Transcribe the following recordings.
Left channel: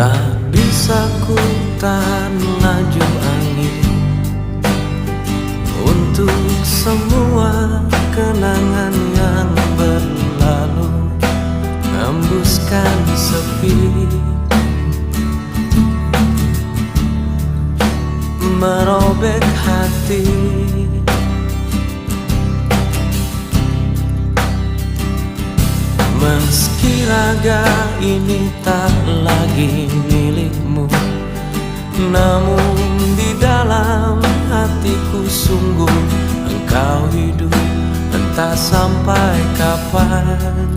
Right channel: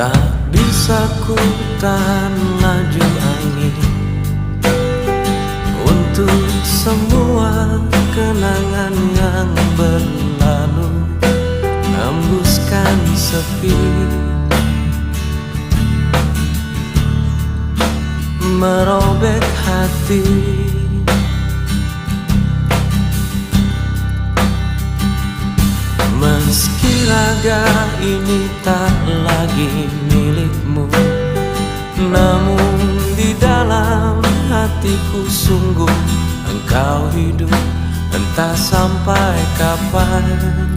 Tak bisa ku tahan laju angin untuk semua kenangan yang berlalu, hembuskan sepi, merobek hati. Meski raga ini tak lagi milikmu, namun di dalam hatiku sungguh engkau hidup, entah sampai kapan.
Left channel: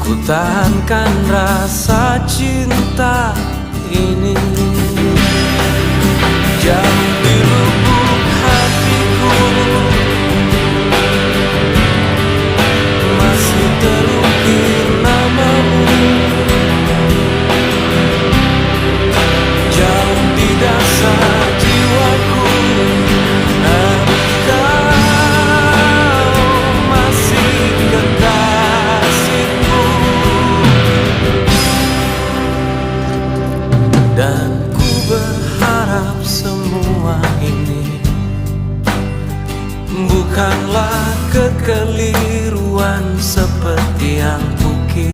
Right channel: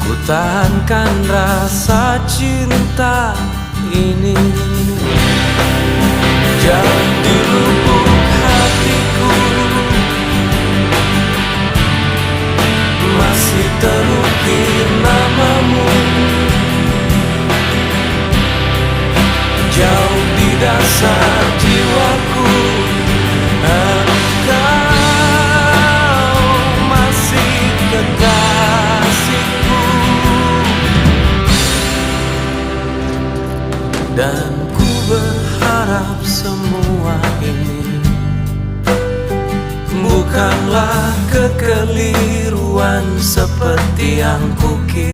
Ku tahankan rasa cinta ini jauh di lubuk hatiku, masih terukir namamu. Jauh di dasar jiwaku, engkau masih kekasihku. Dan ku berharap semua ini bukanlah kekeliruan seperti yang kukira.